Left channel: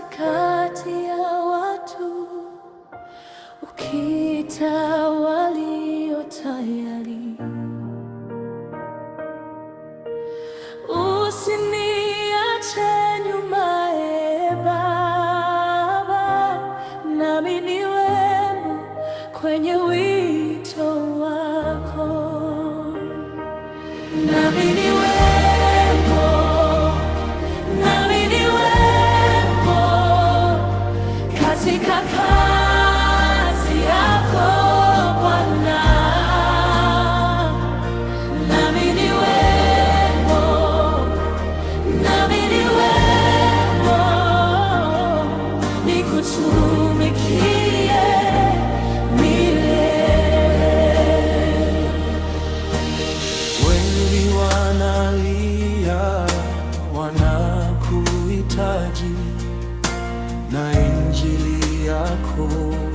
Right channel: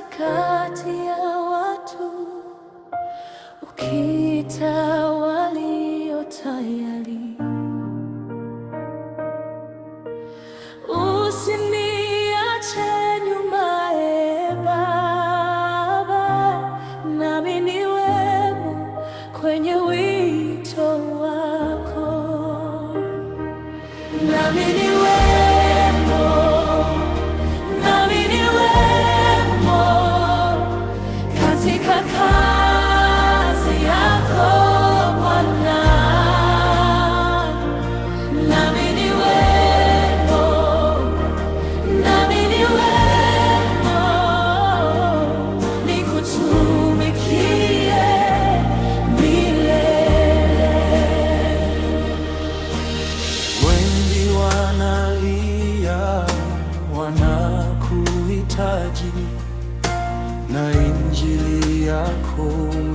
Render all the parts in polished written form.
katikati ya watu, ukiita walio tayari. Usiniache nyuma, Baba, nami niwemo kwenye wito wako, nami niwemo katika kazi yako Bwana, nami niwemo nikutumikie milele. Wengi wanalia, wanakuhitaji, na Injili yako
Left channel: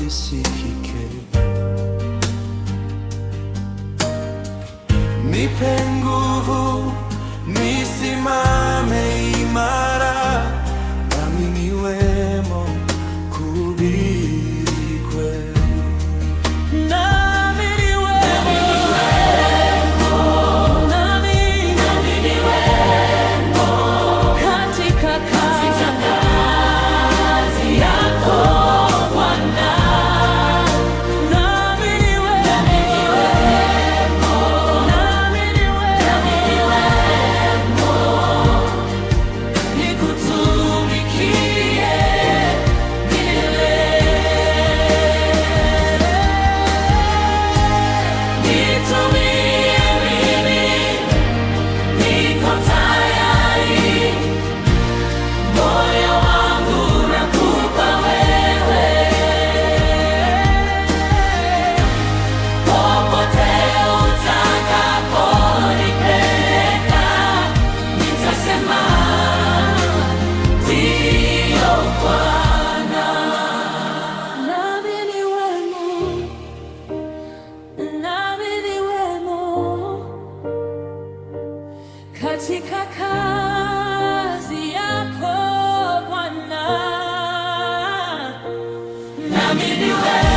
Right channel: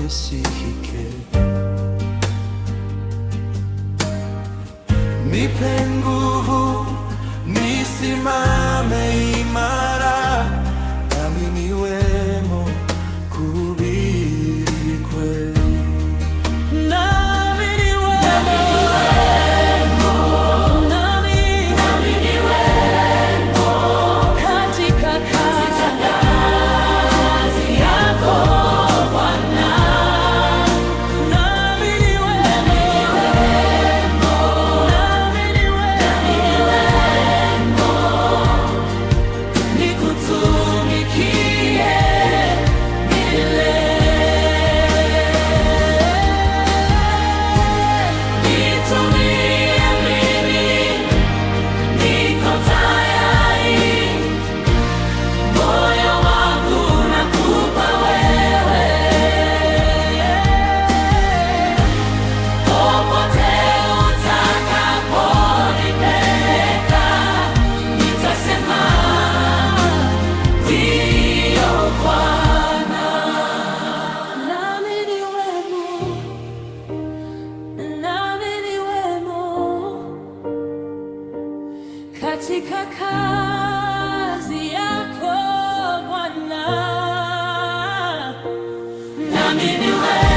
isikike. Nipe nguvu nisimame imara, nami niwemo kuhubiri kweli. Katika kazi yako Bwana, nami niwemo nikutumikie milele. Nitumie mimi, niko tayari. Moyo wangu nakupa wewe, popote utakaponipeleka, nitasema ndiyo Bwana. Nami niwemo katika kazi yako Bwana, nami niwemo